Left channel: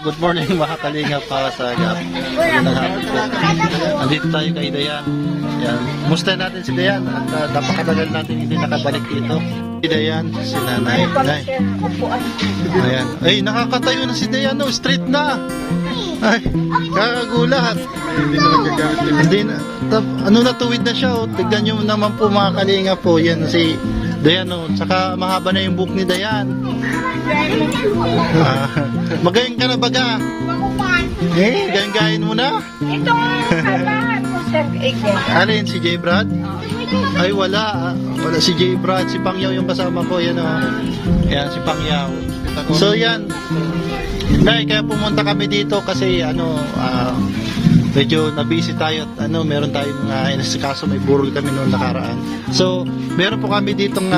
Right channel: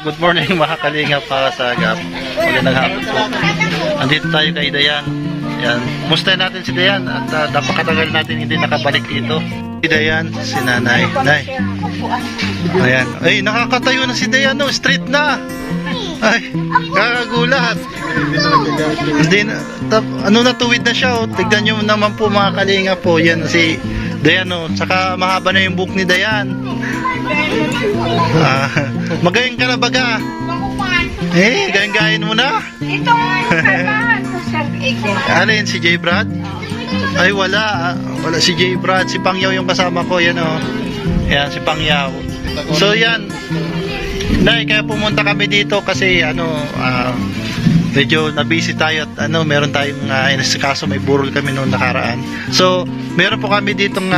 Good morning mga kalingap para sa agap. Magandang hapon po. Andito tayo kay Dayan. Yan. Musta natin si Dayan at napakatagal natin hindi nakabalik dito. Si Dayan, si Nanay. Nay. Ayan. Ay, nakakatayo na si Dayan, no? Straight na. Ay, kakagulat. Hindi na, ano natuwid na siya, oh. Tignan nyo naman po mga kalingap po. Yan si Dayan, oh. Saka mahaba na yung buhok ni Dayan. Magaling ka na baga? Galing-gayin mo na? Ito ano, Sir Agent. Alin, si J. Brad? Ay, wala. Wala si J. Brad. Si Pangyaw yung kasama ko. Yan, oh. Yan, si Pangyaw. So, yan. Nay, kaya pumunta kami dito kasi, medyo na-busy tayo at, meron tayong, inasikaso, may burol kami noong nakaraan. So, meron po kami ditong,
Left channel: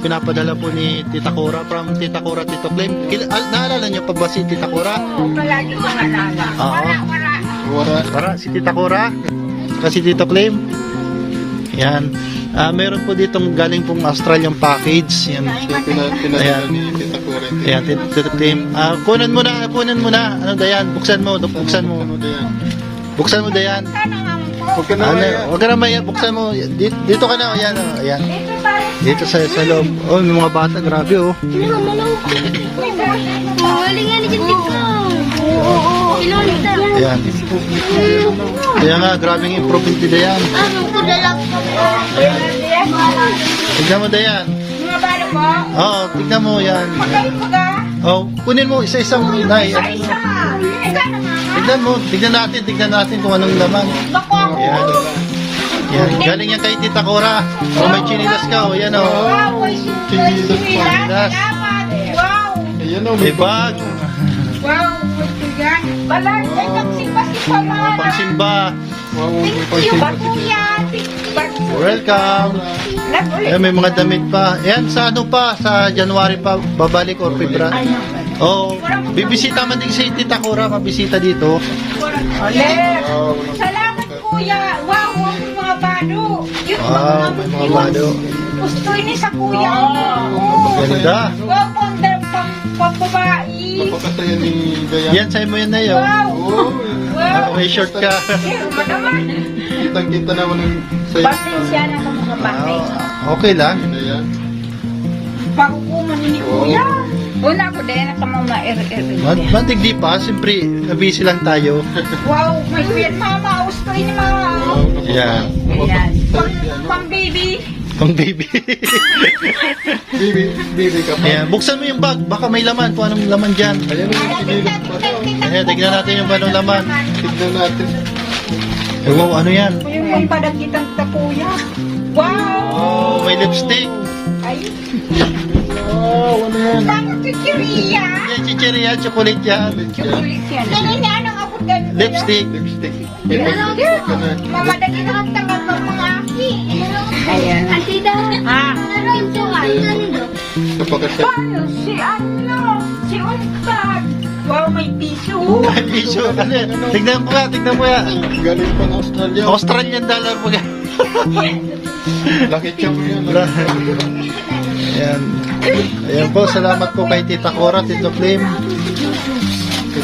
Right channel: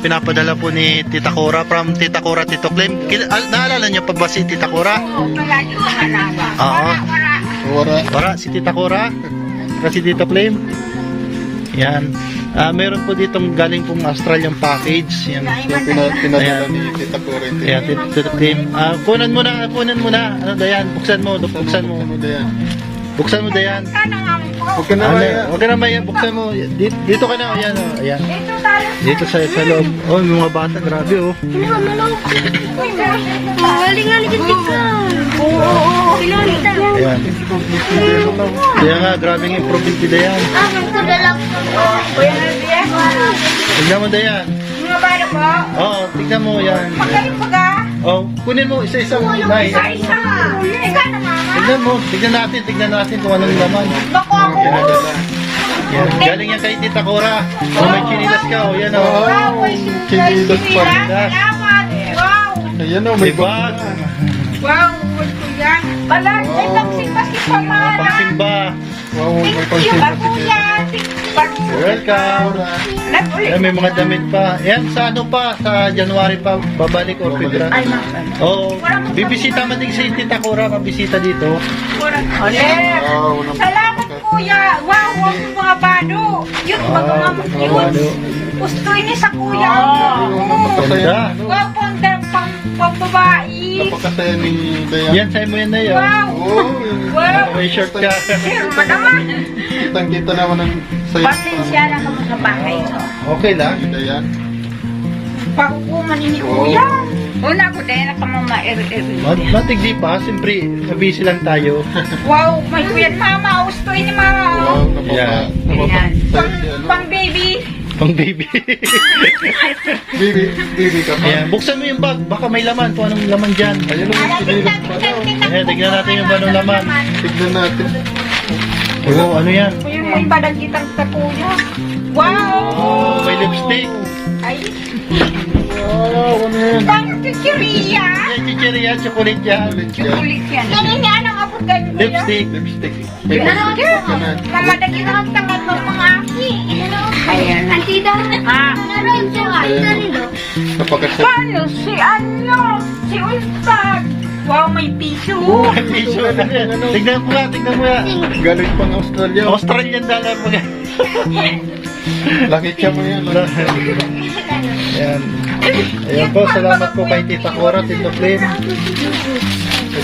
pinapadala po ni Tita Cora from Tita Cora Tito Clem. Naalala niyo pa ba si Tita Cora? Oo, palagi ko naalala. Oo. Wara, si Tita Cora. Saka si Tito Clem. Yan. Meron po ditong galing pong Australian package. Yan. Pinadala ni Tita Cora. Yan, Tito Clem. Kunan mo na. Ano Dayan? Buksan mo. Buksan mo. Buksan mo Dayan. Huwag ka na maya. Buksan mo. Dito ka na. Ayan. Ayan. Dito sa loob. Oh, may mga bata, grabe oh. Ayan. Kaya nga, grabing improvement nila yan. Tignan mo Dayan. Mga baro po? Oo, tignan mo yan. Magaling pa ka? Oh, kunin mo isa-isa mo. Nay, Ikaw naman. Tignan natin kung anong laman. Bako ako. Yan, galing yan kay Tita Cora. Oh, may chinilas ka oh, yan oh. Wow, may Chinilas. Salamat. Wow. Ayan o, May bag. Wow, wait ko yan. Bala, ay pagsimba-simba man. Pangsimba. Wow, may Thank you, kansin pa si kuya. You're welcome. Ayan, may mga damit pa. Ayan, sa ano pa, sa January pa, babalik or February. Oh, bibisita man din si Tita Cora, mabisita dito. Ole. Salamat kuya. Wow, wow, mga bado. Yung May mga bado. gusto ini sa kuya. Ganda. Wow, pang-babae. Napakasaya ni Dayan. Yan, sa'yo mo yan na yun. Wow. Oh, Wow. may short ka. Sir, naman. Kitang-kita naman ang saya Pasensya na sa mga bagay ito. Okay lang. ni Dayan. Pakukuman ni kuya. Una ko dahil nakamama-eri-eri. Mantig di pa, siyempre, busy lang tayo. Wow, may kuya mama. Gusto ini mga. Yan. Ayan. Tayo si ano? Pang baby. Pang baby. Bibi ka pa. Ayan, buksan mo yung bag, baka may laman, kung anong laman dyan. Ayan o, may sinilip pa. Ayan, tignan natin yung anong laman. Tignan natin. Eh, wow, ano yan? Yung may padang kitang tapuya. Wow! Oh, may lipstick. Ay, Wow, ano yan? paano chichiria? Hindi yan chicheria, chocolate yan. Ulit yan. Ganun yan ang abot ka nito. Lipstick. Lipstick. May lipstick ka na. Mamadagi na ang tangal ng mga aki. Ayan. Antida. Ha? Ayan o. Napakasaya. Paano si Si Untag. Wow, may piso. May piso. Ano yan? Tignan mo nga. Galing pang Australia. Australian dollar mo nga. Laki siya mo yan. Ayan. Ayan po, salamat po kay Tita Cora, Tito Clem.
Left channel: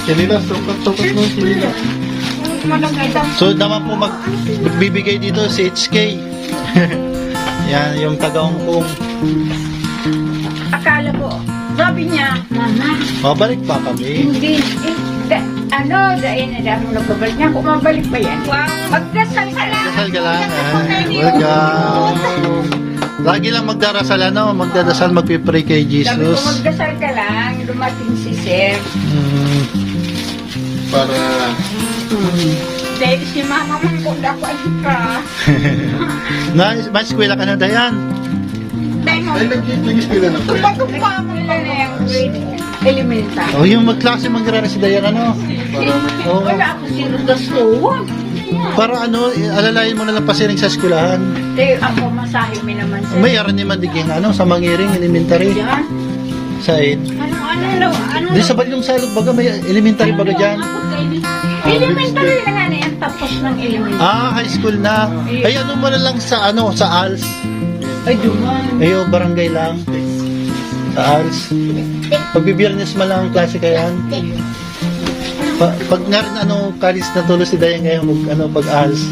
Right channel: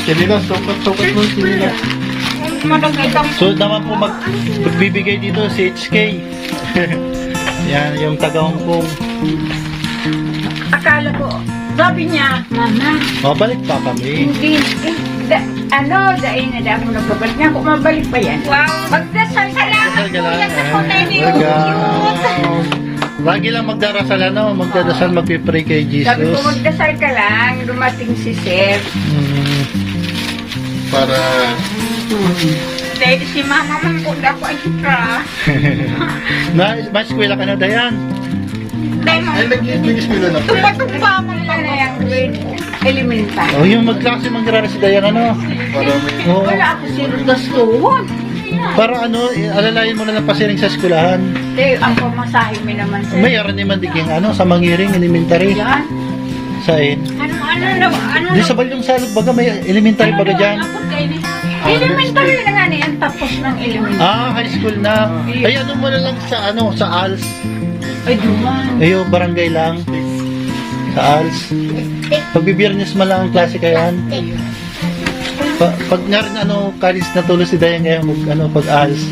Kinila, sukat mo yung kinila. Madagitang. So naman po magbibigay dito si HK. Yan, yung taga Hong Kong. Akala ko, sabi niya, Mama, Mabalik pa kami. hindi, dahil na ako nababalik niya. Kung mabalik pa yan. Wow, magdasal ka lang. Dasal ka lang. Welcome. Welcome. Lagi lang magdarasal, magdadasal, magpipray kay Sabi ko, Jesus. magdasal ka lang, dumating si Sir. Para Dahil si Mama man ko, ako ay ka. May eskwela ka na, Dayan. Dahil mo, ay nag-i-school na. tumba mo na yung grade elementary. Oh, yung magklase mangyarara si Dayan, Oh, Wala ako si Rodascoon. para alalayan mo na lang pasiring sa eskwelahan. Dahil ang pamasahe mo naman Sir. May aran ni Mandiging, sa Mangiring Elementary. Yan. Sain. Ano? Di sa Balyong Salog baga, may elementary baga dyan. Elementary na nga niyan, tapos ng elementary. High school na. Ay, mo na lang sa ALS. Ay, duman. Ayo, barangay lang. Sa ALS. Pagbibiyernes mo lang ang klase kayan. Pag nga rin college na tulos si Dayan ngayon, pag-ALS.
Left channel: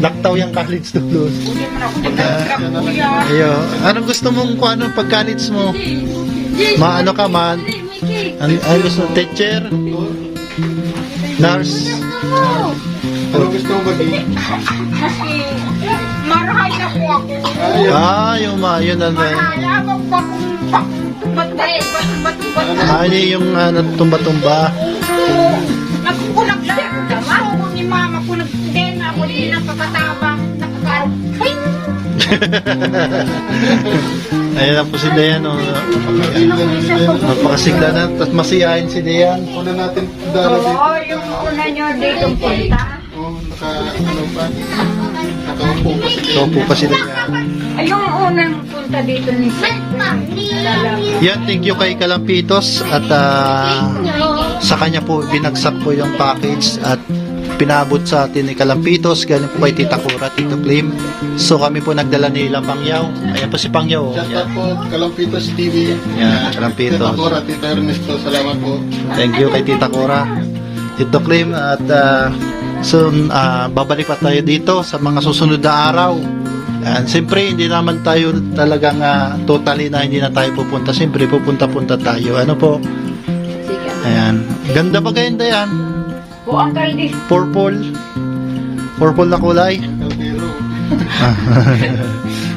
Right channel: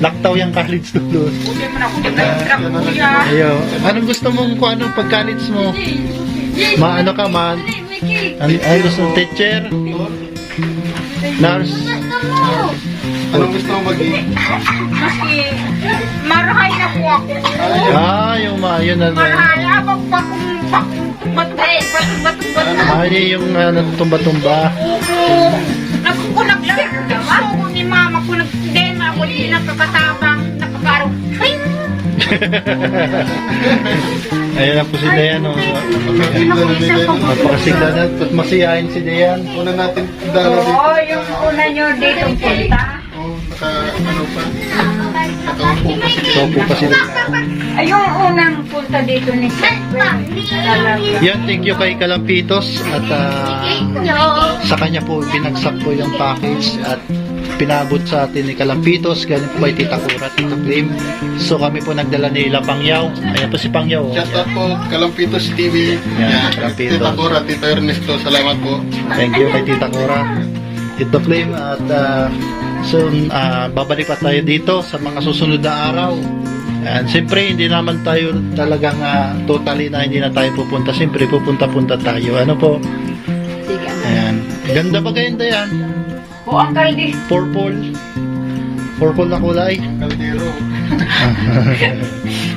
Laktaw yung college tulos. Hindi mo na ako nag-truck, kuya. Ayo, anong gusto mong pag college mo? Ano ka man? Ano gusto mo? Teacher? Nurse? Anong gusto mo maging? Maski, marahay na po ako. Yun na. Mahal, abang bakong bat. Yung tumba-tumba. Nakukulag lang ako. Gusto ko ni mama ko nagdema ako, hindi nakakatabang, nakakaroon. Ayan lang po si Dayan. Kapatid na ni Dayan. Magpakasigla na. Tapos masiyahin si Dayan. Una natin dalo dito. Oo, yung una nyo dito punta. Nakaupo pa si So po pa si Dayan. Ay, yung unang punta dito ni Silver. Yan, thank you kay Kalampitos. At sa kanya po, binagsak po yung package. At pinabot sa atin ni Kalampitos. Galing po kay Tita Cora, Tito Clim. So kami po nagdala ni Ila Pangyaw. Ayan po si Pangyaw. Shout out po, Kalampitos TV. Yan, Kalampitos. Tita Cora, Tita Ernesto, salamat po. Thank you kay Tita Cora, Tito Clim. At soon, babalik pa tayo dito sa mga susunod na araw. And siyempre, hindi naman tayo talagang totally na hindi na tayo pupunta. Siyempre, pupunta-punta tayo. Ano po? Sige, Ayan. Ganda ba ganyan, Dayan? buang kaldi. Purple. Purple na kulay. Ang kaldero.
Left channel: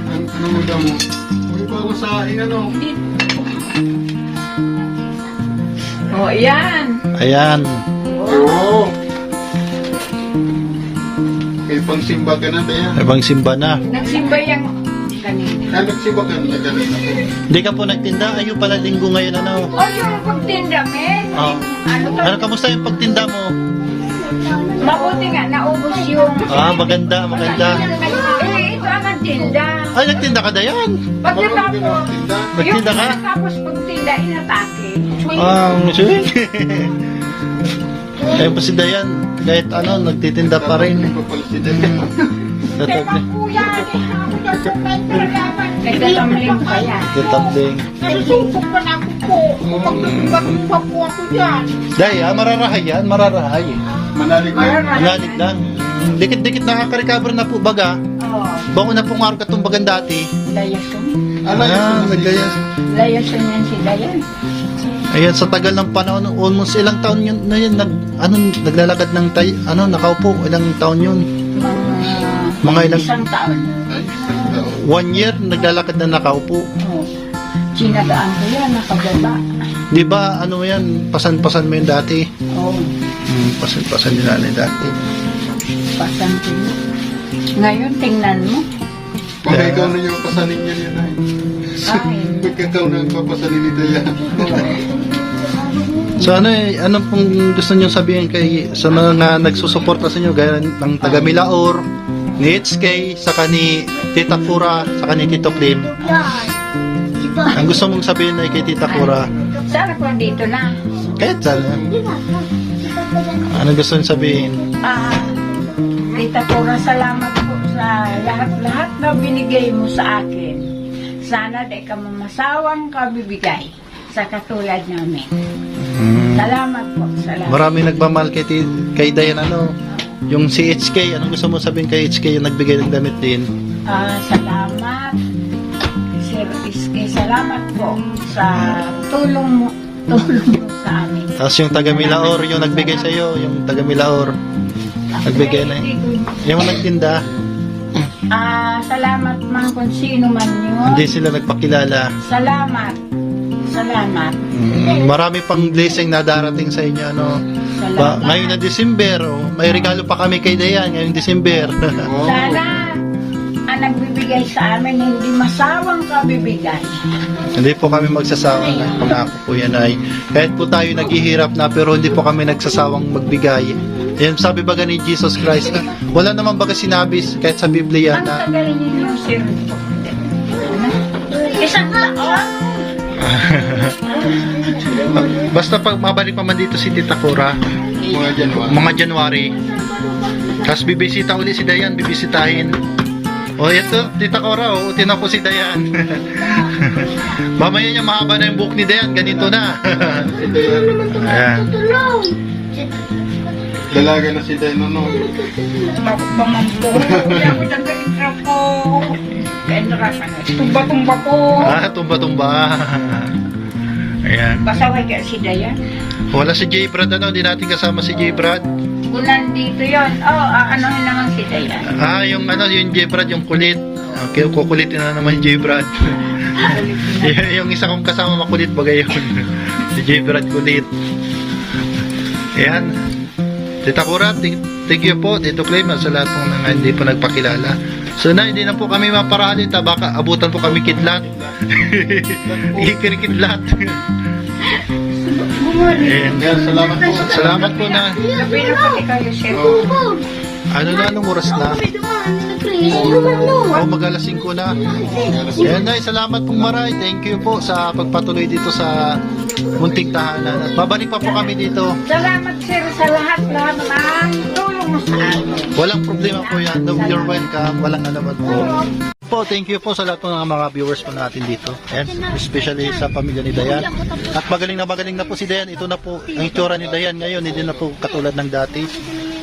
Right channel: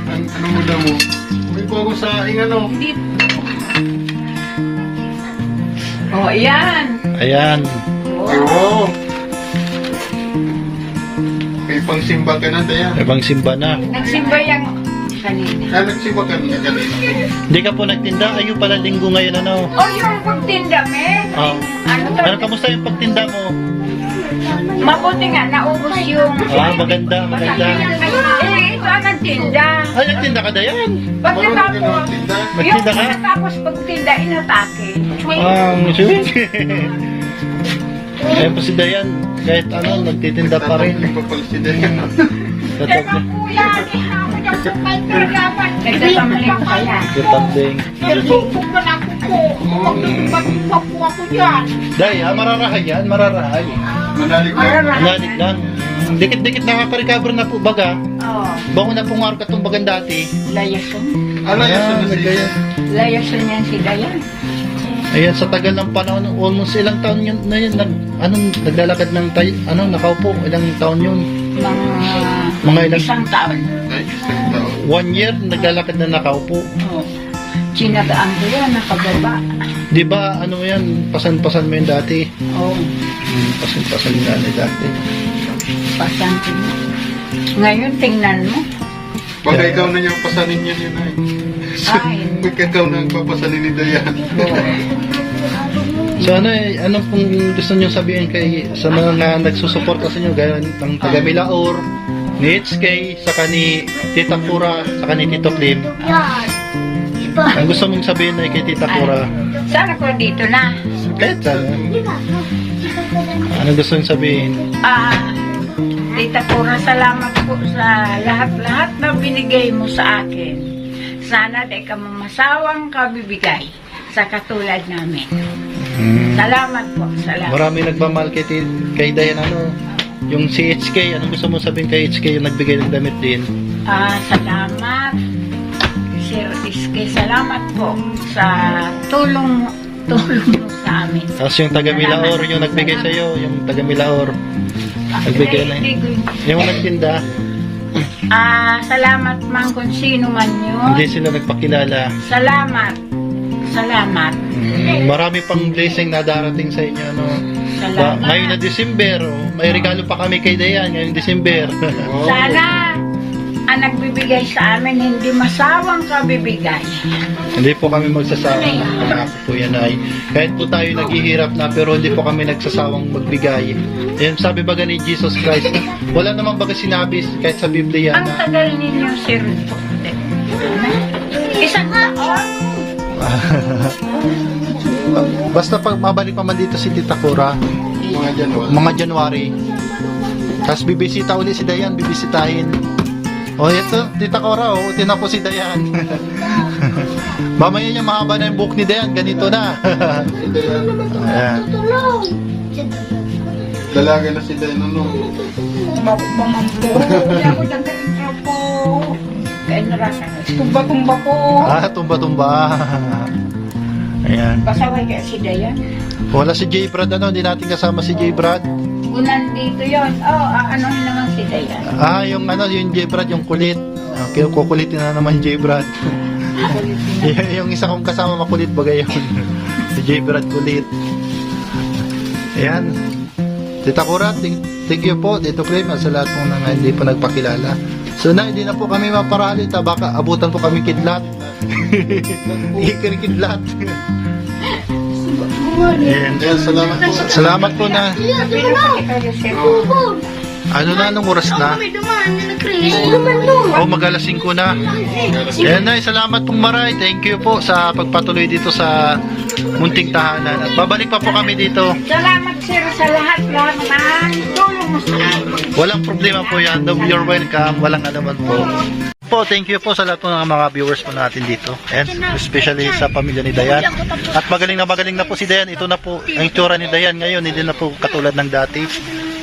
Ano mo daw mo? May bagong saing Hindi. Oh, ayan. Ayan. Oo. Kay pangsimba ka na, Dayan. Ibang simba na. Nagsimba yung kanina. Nagsimba ka na kanina po. Hindi ka po nagtinda. Ayo pala linggo ngayon, ano? Oh, yung pagtinda, me. Oh. Ano to? Ano, kamusta yung pagtinda mo? Mabuti nga, naubos yung... Maganda. Eh, ito ang nagtinda. Ay, nagtinda ka, Dayan. Marunong Pagkatapos, din ang tinda. Nagtinda ka? Tapos pagtinda, inatake. Sige. Ayun po si Dayan, kahit nagtitinda pa rin. Tatag na. Nagtatamling pa yan. Tatambling. Day, mararahay yan, mararahay. Manalig na. Manalig lang. Dikit-dikit nakaka-recover na po baga. Oh, Bako na po nga ka itong bagang dati. layason. Ano yung naglayas. Layason yan si Dayan. Ayun, sa tagal ng panahon, almost ilang taon yun, naglalakad ng nakaupo, ilang taon yun? Mga ilang, Isang taon. Ay, ganda. 1 year, naglalakad na nakaupo. Oh. Sinadaan ko yan, nakababa. Di ba, yan, pasan-pasan mo yun dati? Oh, Pasan-pasan yun nanay dati. pasantin. Ngayon, tingnan mo. Baka ikaw na yung pasanin niya yun ay. Ay, Baka ikaw na yung papasanin nito yan. So ano pong gusto niyo sabihin sa mga nagsusuporta sa inyo gaya ng taga Milaor, ni HK, saka ni Tita Cora, saka ni Tito Clim? Ang gusto mong sabihin na kay Tita Cora? sana ko dito na. Kahit sana. Anong gusto mong sabihin? Tita Cora, salamat po sa lahat-lahat na binigay mo sa akin. Sana di ka mamasawang kabibigay sa katulad namin. Salamat po, salamat. Marami nagmamahal kay Dayan, yung si HK, anong gusto mo sabihin kay HK yung nagbigay ng damit din? Salamat, Sir Iske, salamat po sa tulong mo sa amin. Tapos yung taga Milaor, yung nagbigay sa iyo, yung taga Milaor, nagbigay na yung nagtinda. Salamat man kung sino man yun. Hindi sila nagpakilala. Salamat. Marami pang blessing na darating sa inyo, Salamat. Ngayon na December, may regalo pa kami kay Dayan ngayong December. Sana ang nagbibigay sa amin hindi masawang kabibigay. Hindi po kami magsasawa. Pangako po yan ay. Kahit po tayo naghihirap na pero hindi po kami nagsasawang magbigay. Yan sabi baga ni Jesus Christ na wala naman baga sinabi kahit sa Biblia Ang na tagal ninyo, Sir. Isang taon. basta pag mabalik pa man dito si Tita Cora mga January, tapos bibisita uli si Dayan, bibisitahin. Ito Tita Cora, uti na po si Dayan. Mamaya niya mahaba na yung buhok ni Dayan, ganito na. Si Dayan. Ayan. Dalaga na si Dayan, ano? Bako pa man po. Kaya ko dagdagan ka po. Kaya narasan na. Tumba-tumba po. Ah, tumba-tumba. Ayan. Pasaway kaya si Dayan. Wala si J. Brad, ano? Hindi natin kasama si J. Brad. Kung nandito yun, aanohin naman si Dayan. Ah, yung ano, yung J. Brad, yung kulit. Okay, kukulitin na naman J. Brad. Kulitin na. yung isa kong kasama makulit bagay yun. Si J. Brad kulit. Ayan. Tita Cora, thank you po. Tito Clay, sa lahat ng mga hindi po nagpakilala. So na, hindi na po kami maparalit. Baka abutan po kami kidlat. Ikirikidlat. Ayan. Dayan, salamat po. Salamat po na. Sabihin pati kayo, Chef. Ano na, anong oras na? Oh, mag-alas 5 na. Ayan na, salamat pong maray. Thank you po sa pagpatuloy dito sa munting tahanan. At babalik pa po kami dito. Salamat, sir, sa lahat-lahat ng tulong mo sa akin. Walang problema po yan. No, you're welcome. Walang anuman po. Thank you po sa lahat ng mga viewers po natin dito. And especially sa pamilya ni Dayan. At magaling na po si Dayan. Ito na po ang itsura ni Dayan ngayon. Hindi na po katulad ng dati.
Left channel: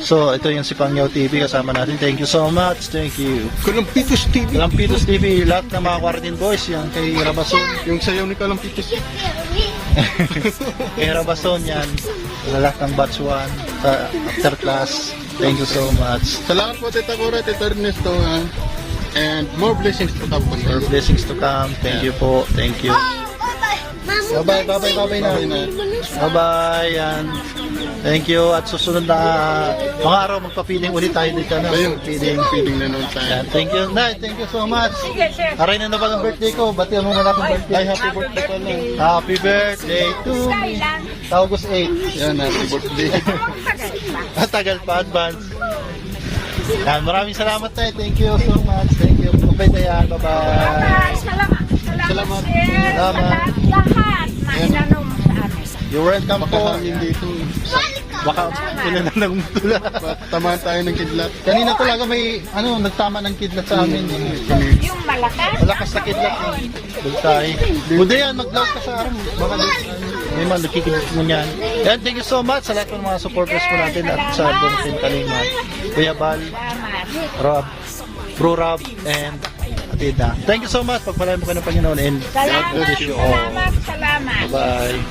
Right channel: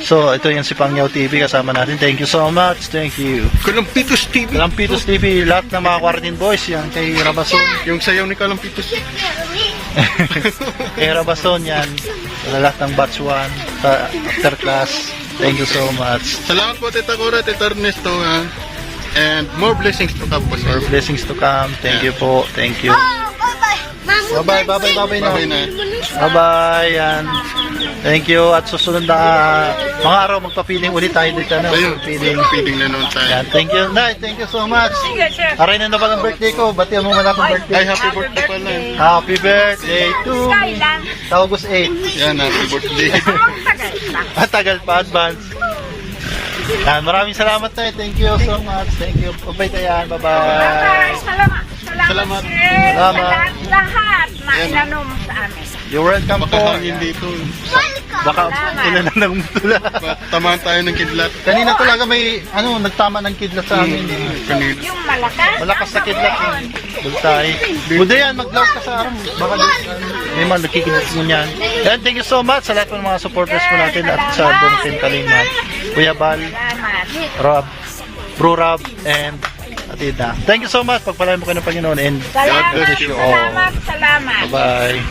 So, ito yung si Pangyaw TV kasama natin. Thank you so much. Thank you. Kalampitos TV. Kalampitos TV, lahat ng mga Quarantine Boys, yan kay Rabason. Yung sayaw ni Kalampitos. Kay Rabason yan. Sa lahat ng batch 1, sa after class. Thank you so much. Salamat po, Tita Cora, Tita Ernesto. And more blessings to come po sa More inyo. blessings to come. Thank you po. Thank you. Bye-bye na. Bye-bye na. Bye-bye. Yan. Thank you. At susunod na mga araw, magpa-feeling ulit tayo dito. Ano? Ayun, feeding na noon tayo. Yan. Thank you. Nay, thank you so much. Sige, sir. Aray na ba ng birthday ko? Batihan mo man akong birthday. Ay, happy birthday pala. Happy birthday to me. Kailan? Sa August 8. Yan, happy birthday. Ang tagal pa. Matagal pa, advance. Yan, maraming salamat tayo. Thank you so much. Thank you. Bye-bye Dayan. Bye-bye. Salamat. Salamat. Sir, sa Salamat. lahat na inano mo sa amin. You're welcome po. Makahangin dito. Baka ulan na ng mutula. Tamaan tayo ng kidlat. Kanina talaga may, nagtama ng kidlat sa amin. Kanina. Yung malakas. Malakas na kidlat. Bultay. Buda yan, mag-vlog ka sa araw. Baka may man, nakikidlat mo niyan. And thank you so much sa lahat ng mga supporters po natin at sa Bongsin Kalingan. Kuya Bal, Salamat. Rob, Bro Rob, and Atida. Thank you so much. Pagpalain mo kayo ng Panginoon and God Salamat. bless you all. Salamat. Bye.